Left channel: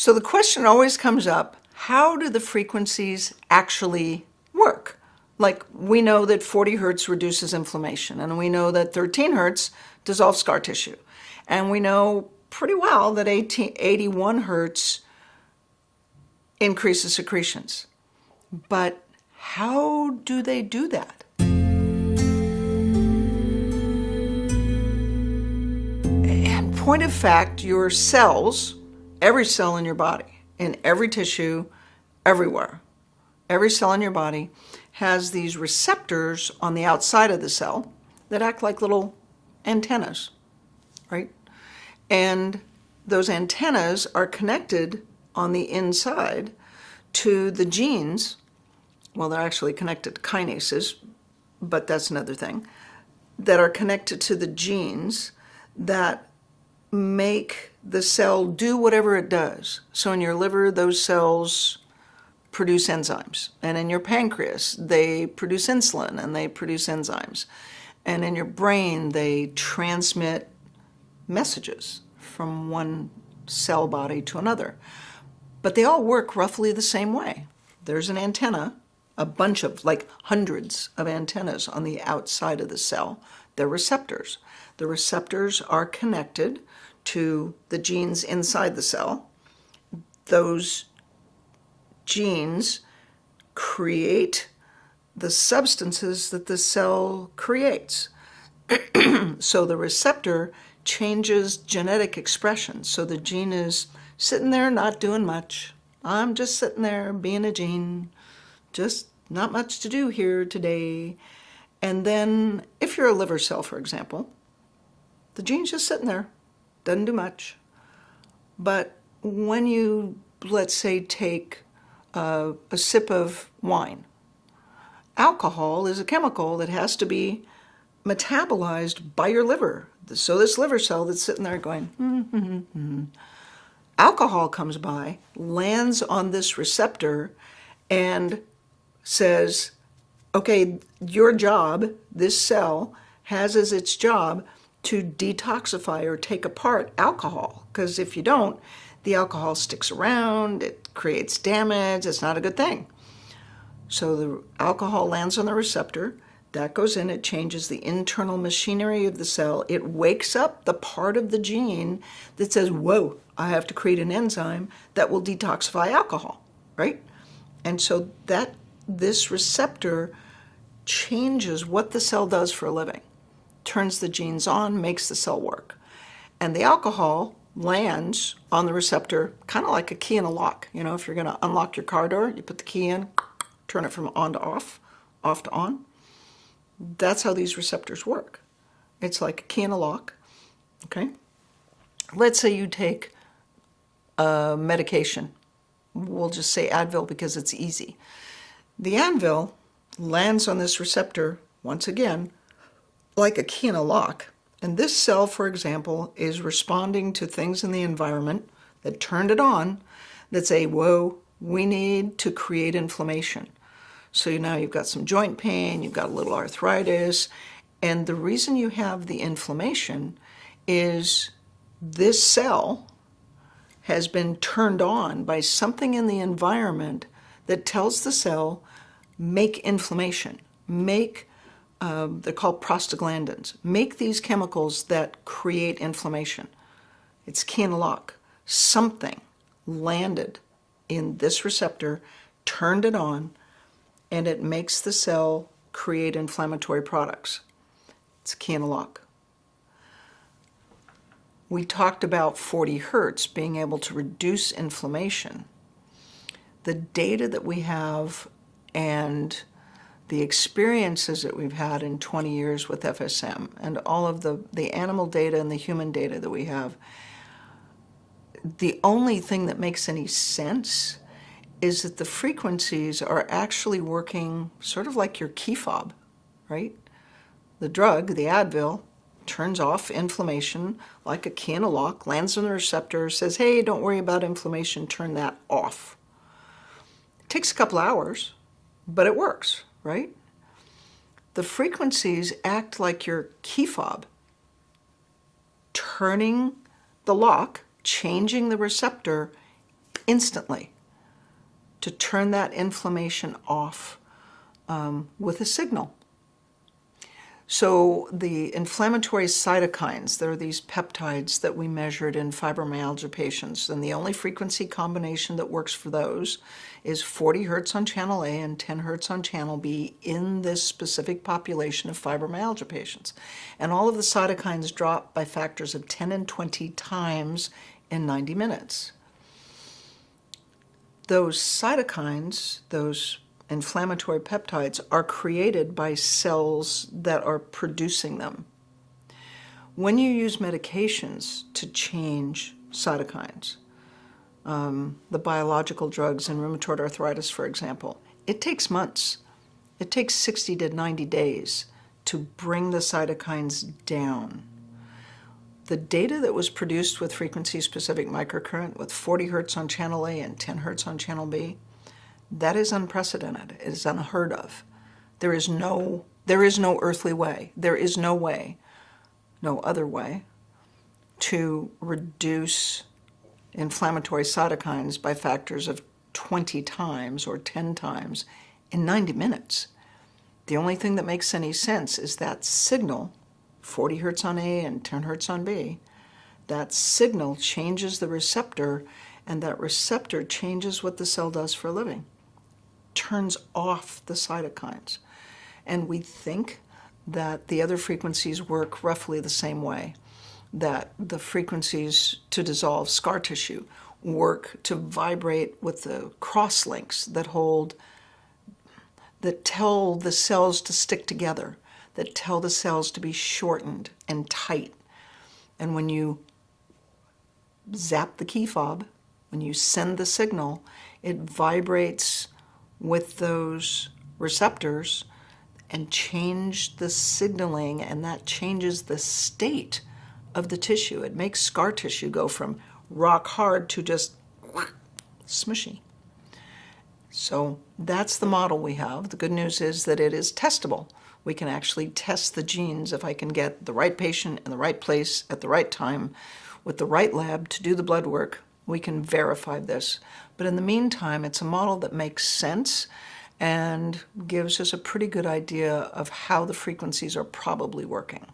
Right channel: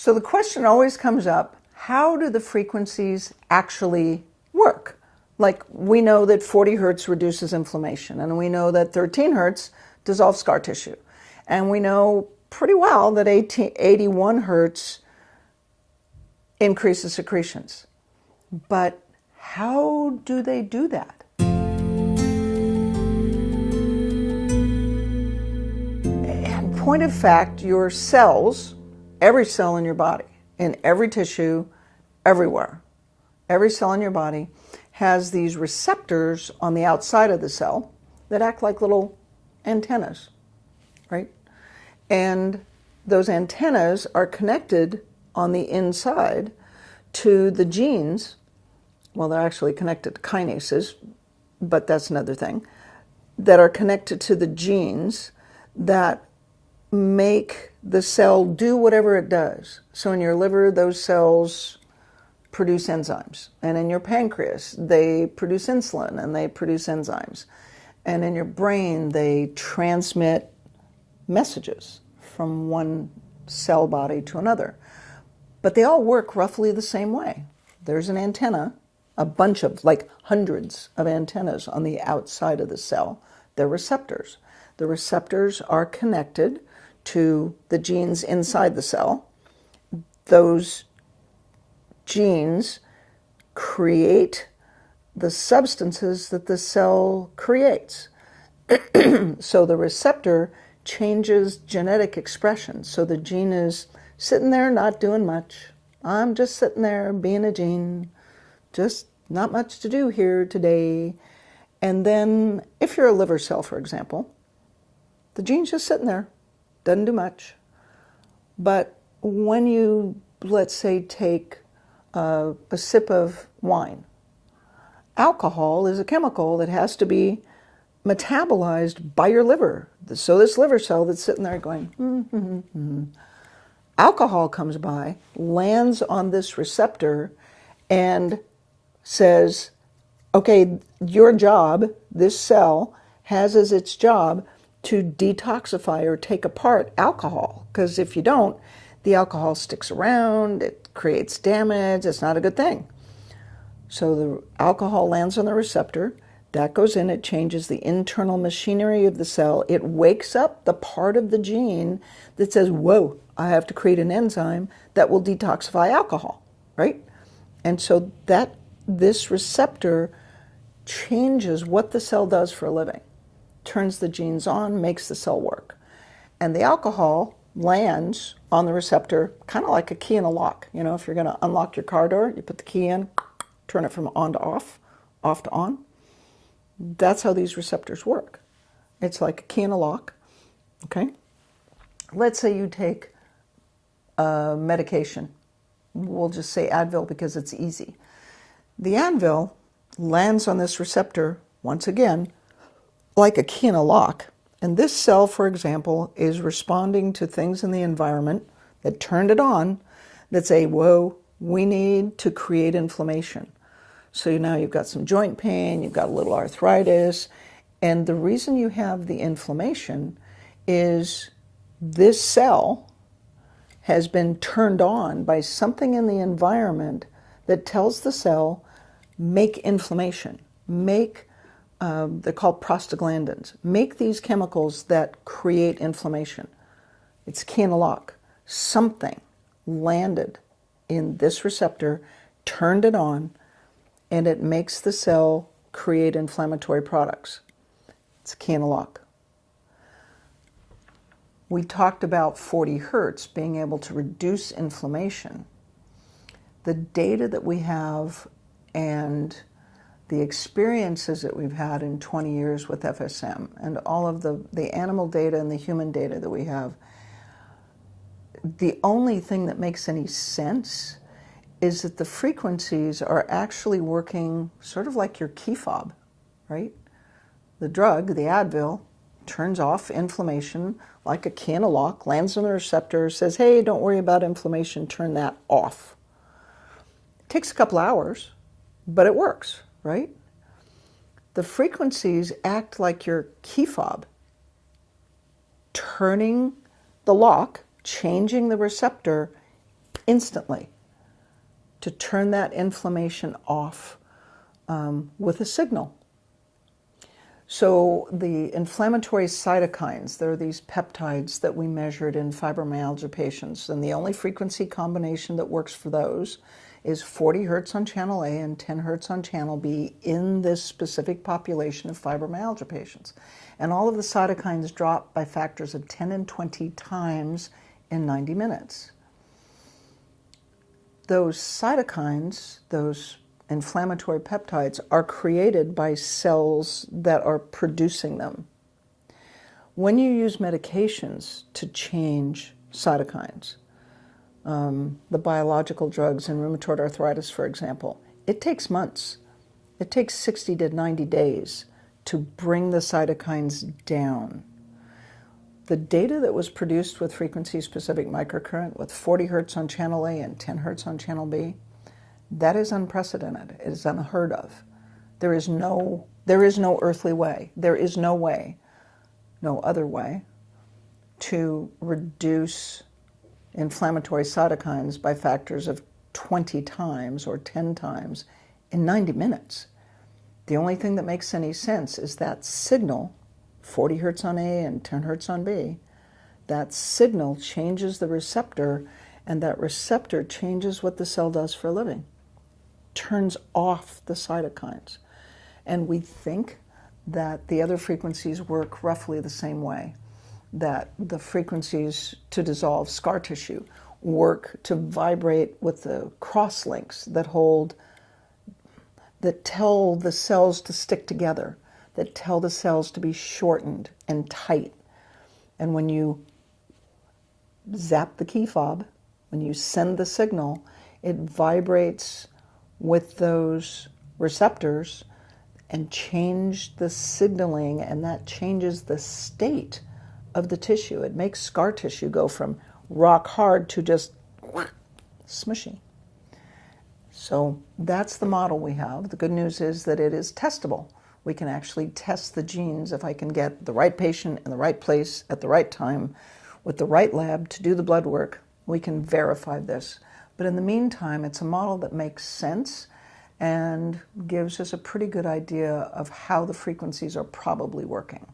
So the question always comes up, how do the frequencies actually work? Like, we know that 40 hertz reduces inflammation, and we know that 13 hertz dissolves scar tissue. And we know pretty well that 81 hertz increases secretions. But how do they do that? In point of fact, your cells, every cell in your body, in every tissue, everywhere, every cell in your body has these receptors on the outside of the cell that act like little antennas, right? And those antennas are connected on the inside to the genes. Well, they're actually connected to kinases, but that's another thing, that are connected to the genes that make the cell do whatever it does. So in your liver, those cells produce enzymes. And in your pancreas, they produce insulin and they produce enzymes. And in your brain, they transmit messages from one cell body to another. But they all work roughly the same way. There's an antenna, a bunch of, like hundreds of antennas on the outside of the cell. They're receptors. The receptors are connected to the genes inside the cell. Those genes create the substances that the cell creates. So the receptor changes genetic expression. So the gene is sitting there not doing much. I'm just sitting there being a gene, just not much to do here today. And then if you're a liver cell, for example, the gene's just sitting there, doesn't do much. But when you, let's say, take a sip of wine, alcohol is a chemical that has to be metabolized by your liver. So this liver cell that's sitting there going, alcohol comes by, lands on this receptor, and says, okay, your job, this cell, has as its job to detoxify or take apart alcohol. Because if you don't, the alcohol sticks around, it creates damage, it's not a good thing. So the alcohol lands on the receptor, that goes in, it changes the internal machinery of the cell, it wakes up the part of the gene that says, whoa, I have to create an enzyme that will detoxify alcohol, right? And so that this receptor changes what the cell does for a living, turns the genes on, makes the cell work. And the alcohol lands on the receptor kind of like a key in a lock. You know, if you're going to unlock your car door, you put the key in, turn it from on to off, off to on. That's how these receptors work. It's like a key in a lock, okay? Let's say you take a medication. We'll just say Advil because it's easy. The Advil lands on this receptor, once again, like a key in a lock. And this cell, for example, is responding to things in the environment that turned it on that say, whoa, we need to create inflammation. So now you've got some joint pain, you've got a little arthritis, and the reason you have the inflammation is this cell has been turned on by something in the environment that tells the cell, make inflammation, make, they're called prostaglandins, make these chemicals that create inflammation. It's key in a lock. Something landed in this receptor, turned it on, and it makes the cell create inflammatory products. It's key in a lock. We talked about 40 hertz being able to reduce inflammation. The data that we have and the experiences that we've had in 20 years with FSM and all of the animal data and the human data that we have, the only thing that makes any sense is that the frequencies are actually working sort of like your key fob, right? The drug, the Advil, turns off inflammation like a key in a lock, lands on the receptor, says, hey, don't worry about inflammation, turn that off. It takes a couple hours, but it works, right? The frequencies act like your key fob, turning the lock, changing the receptor instantly to turn that inflammation off with a signal. So the inflammatory cytokines, there are these peptides that we measured in fibromyalgia patients, and the only frequency combination that works for those is 40 hertz on channel A and 10 hertz on channel B in this specific population of fibromyalgia patients. And all of the cytokines drop by factors of 10 and 20 times in 90 minutes. Those cytokines, those inflammatory peptides, are created by cells that are producing them. When you use medications to change cytokines, the biological drugs in rheumatoid arthritis, for example, it takes months. It takes 60 to 90 days to bring the cytokines down. The data that was produced with frequency-specific microcurrent with 40 hertz on channel A and 10 hertz on channel B, that is unprecedented. It is unheard of. There is no earthly way. There is no way, no other way, to reduce inflammatory cytokines by factors of 20 times or 10 times in 90 minutes. The only thing that makes any sense is that signal, 40 hertz on A and 10 hertz on B, that signal changes the receptor, and that receptor changes what the cell does for a living. Turns off the cytokines. And we think that the other frequencies work roughly the same way, that the frequencies to dissolve scar tissue work to vibrate with the crosslinks that tell the cells to stick together, that tell the cells to be shortened and tight. And when you zap the key fob, when you send the signal, it vibrates with those receptors and change the signaling, and that changes the state of the tissue. It makes scar tissue go from rock hard to just smushy. So that's the model we have. The good news is that it is testable. We can actually test the genes. If I can get the right patient in the right place at the right time with the right lab to do the blood work, we can verify this. But in the meantime, it's a model that makes sense and gives us a pretty good idea of how the frequencies are probably working.